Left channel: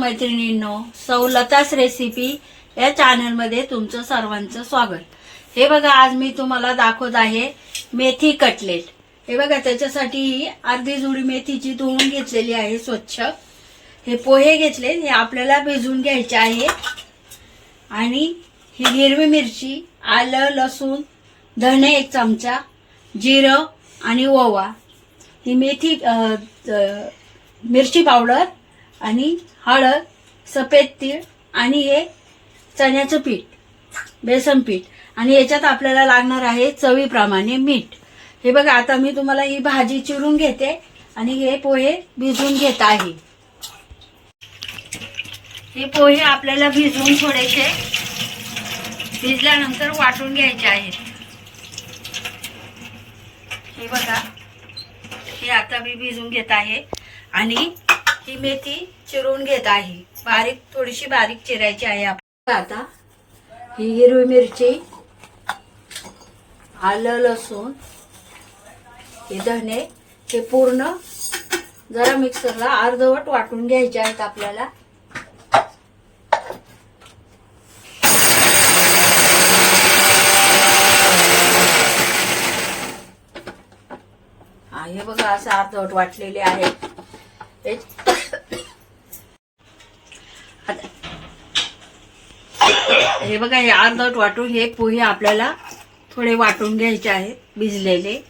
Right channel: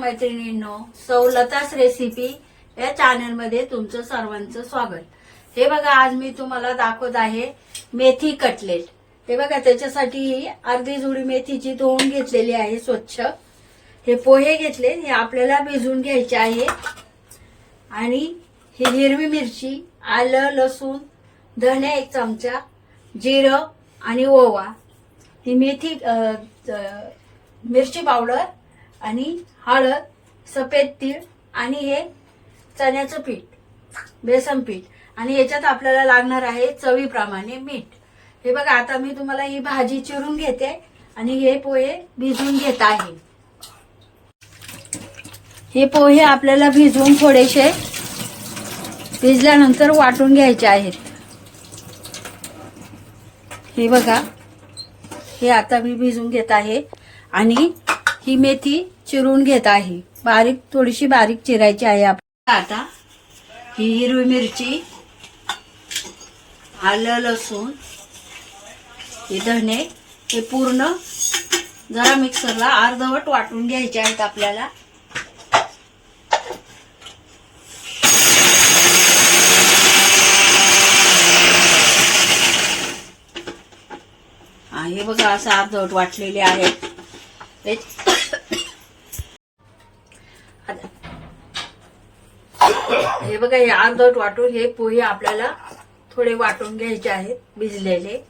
मैत्रिणींनो, सौलतास रेसिपी या चॅनल मध्ये तुमचं सर्वांचं स्वागत। हे बघा, आज मी तुम्हाला दाखवत आहे मेथी कटलेट। हे बघा, त्याच्यासाठी अर्धी जुडी मेथीची धुवून घेतलेली आहे स्वच्छ। हे पोहे घेतले, हे आपल्याला भिजवून घ्यायचे आहे। आणि ही हिरवी मिरची, आलं, लसूण, धणे 1 चमचा, जिरं आणि ओवा, ही मेथी मिरची पावडर आणि हळद, सफेद तीळ आणि हे चण्याचं पीठ, बेसन पीठ। आणि याच्यात आपल्याला लागणार आहे चवीप्रमाणे मीठ। हे बघा, आता मी तुम्हाला ही भाजी चिरून घेते आणि हे पोहे भिजवून घेत आहे। हे पोहे आपल्याला भिजवून थोडेसे भिजल्यानंतर वाटून घ्यायचे आहेत। हे बघा, हे आता मी भिजवून घेत आहे आणि ही मेथी चिरून घेत आहे। थोडीशी बारीक चिरायची आहे आपल्याला। आता ही हिरवी मिरची, आलं, लसूण, हे धणे, हे पूर्ण जरा मिक्सरला अर्धवट वाटून घ्यायचे आहेत आपल्याला। हे बघा, असं अर्धवट वाटलेले आहे। हे बघा, हे अर्धवट वाटून हे पोहे आपल्याला थोडे वाटून घ्यायचे आहेत भिजलेले।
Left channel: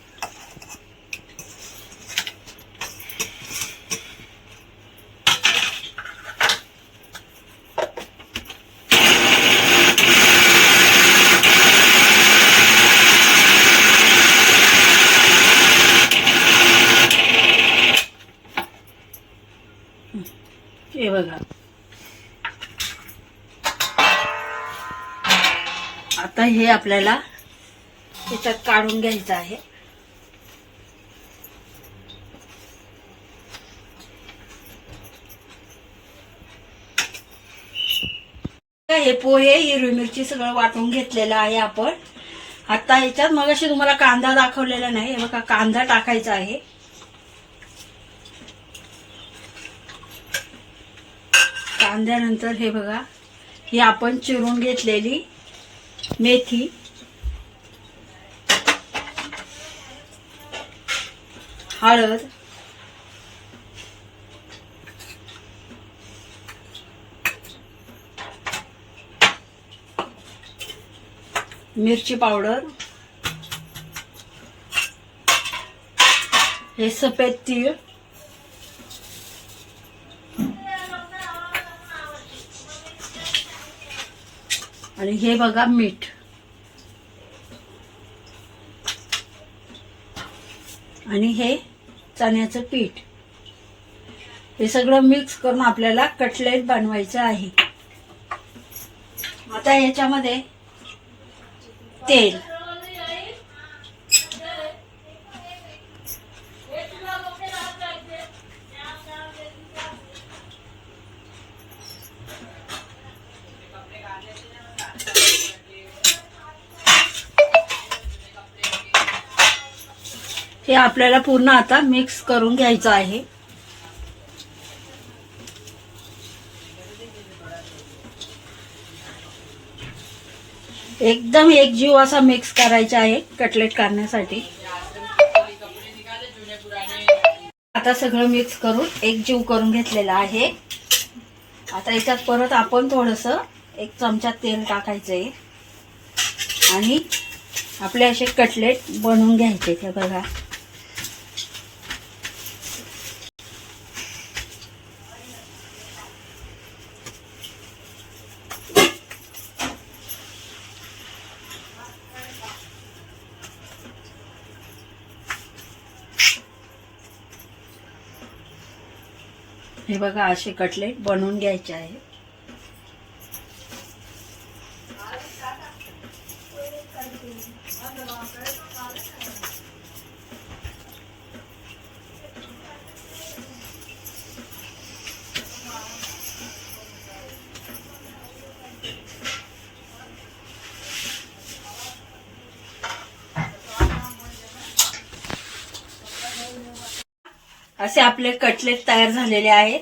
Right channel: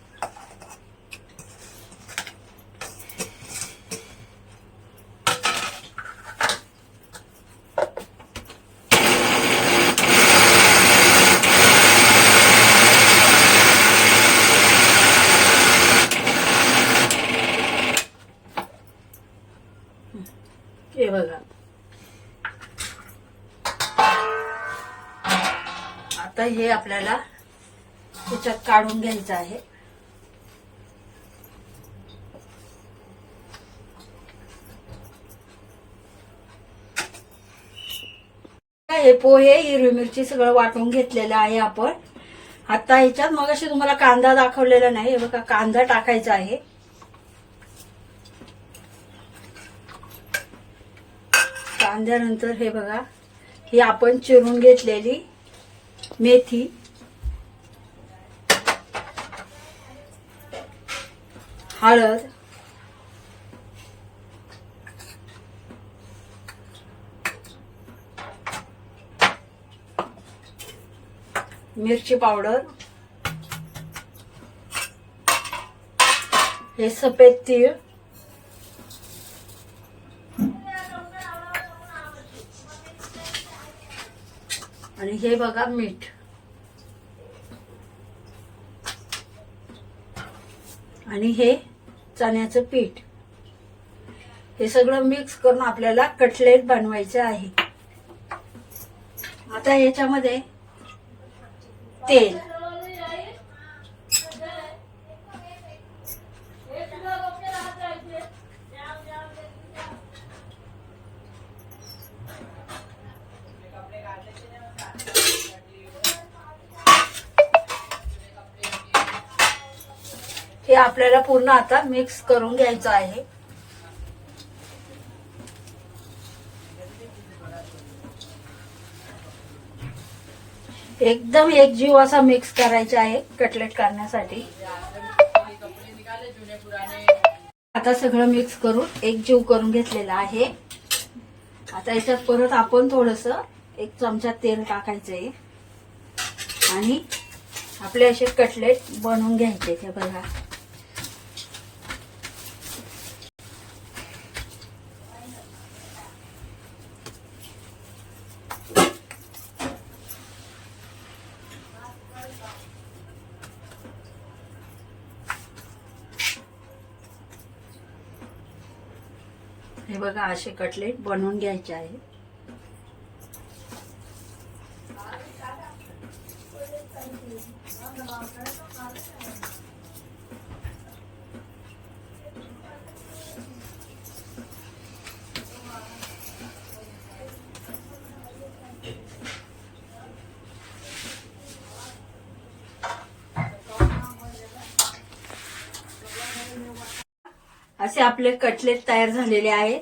हे बघा, आता हे आपल्याला याच्यात काढून घ्यायचं आहे। हे पोहे, हिरवी मिरची सगळं वाटून घेतलेलं आहे आपण। आता ह्याच्यात मगाशी तुम्हाला कांदा दाखवलेला नाही, हे बघा, कांदा टाकायचा आहे। कांद्यानंतर हे बघा, ही आपण चिरून घेतलेली मेथी, हळद, मिरची पावडर, हे सफेद तीळ, आणि हे बघा मीठ, आणि हे चण्याचं पीठ। हे सगळं मिक्स करून आपल्याला कटलेट बनवायचं आहे। आता याच्यामध्ये तेल, हे आपल्याला पूर्ण आता मिक्स करून घ्यायचं आहे। एकदम एकजीव असा मिक्स करायचा आहे कटलेट करण्यासाठी। आता सगळं मिक्स करून एकजीव करून घेतलेलं आहे। आता याच्यात परत आपण थोडंसं 1 चमचा तेल टाकायचं आहे आणि आपले असे कटलेट बनवून घ्यायचे। हे बघा, हे बघा, असे कटलेट बनवून घ्यायचे आहे। असे आपले कटलेट तयार झालेले आहेत।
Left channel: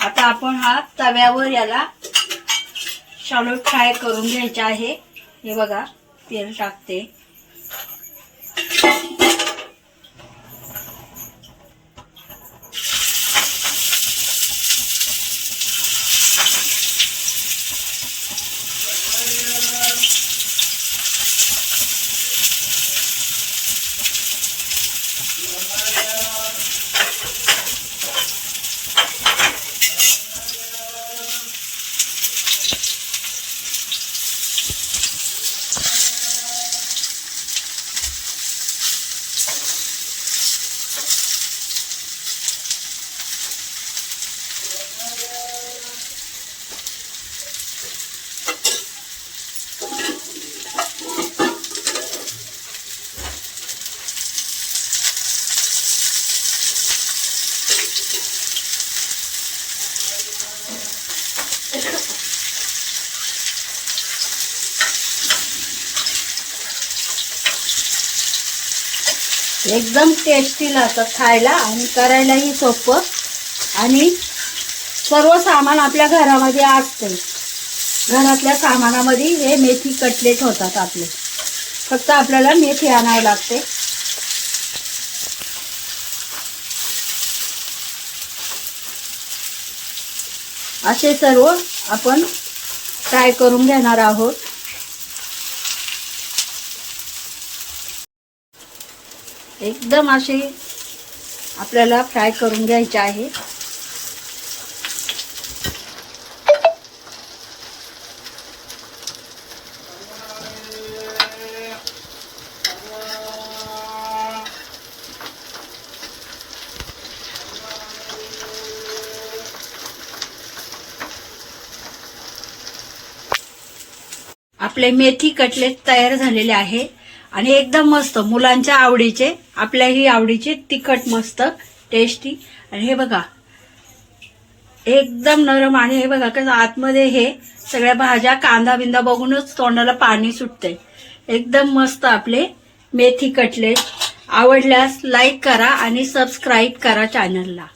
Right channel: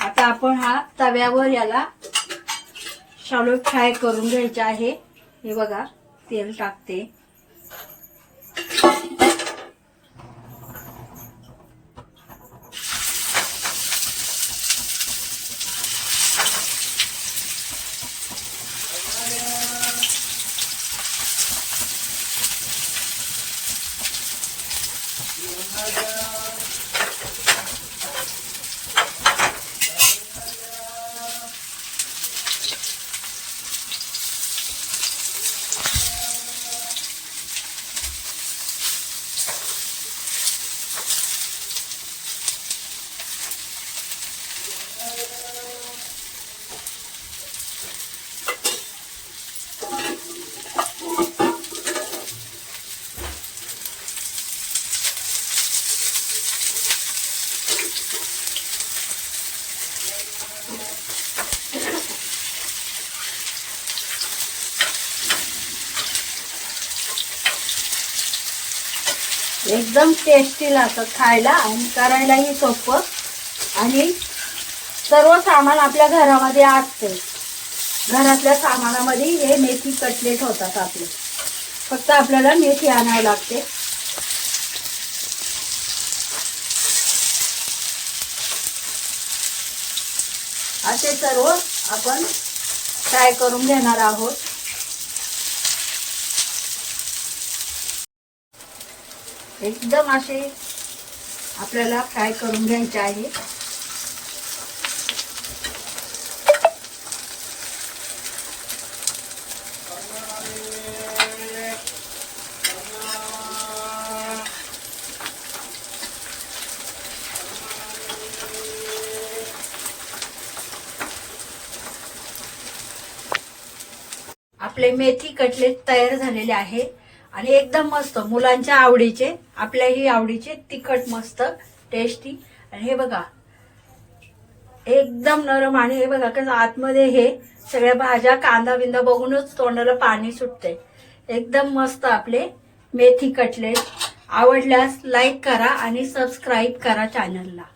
आता आपण हा तव्यावर याला शॅलो फ्राय करून घ्यायचा आहे. हे बघा तेल टाकते. एकदम टेस्टी लागतात खायला आणि करायलाही सोपं आणि सर्व सामान आपल्या घरामध्ये असते. घरातल्या सामानामध्ये हे मेथी कटलेट होतात आपले. फक्त आपल्याला मेथी आणावं लागते. असे सर्व आपण फ्राय करून घेणार आहोत. एकदम असे आपल्याला फ्राय करून घ्यायचे आहे. आपले मेथी कटलेट तयार झालेले आहे आणि एकदम मस्त मुलांच्या आवडीचे, आपल्याही आवडीचे, तिखट मस्त टेस्टी. आणि हे बघा एकदम नरम. आणि हे बघा कसं आतमध्ये हे सगळ्या भाज्या, कांदा बिंदा बघूनच तोंडाला पाणी सुटते. एकदम मस्त आपले मेथी कटलेट. आवडल्यास लाईक करा आणि सबस्क्राईब करा चॅनलला.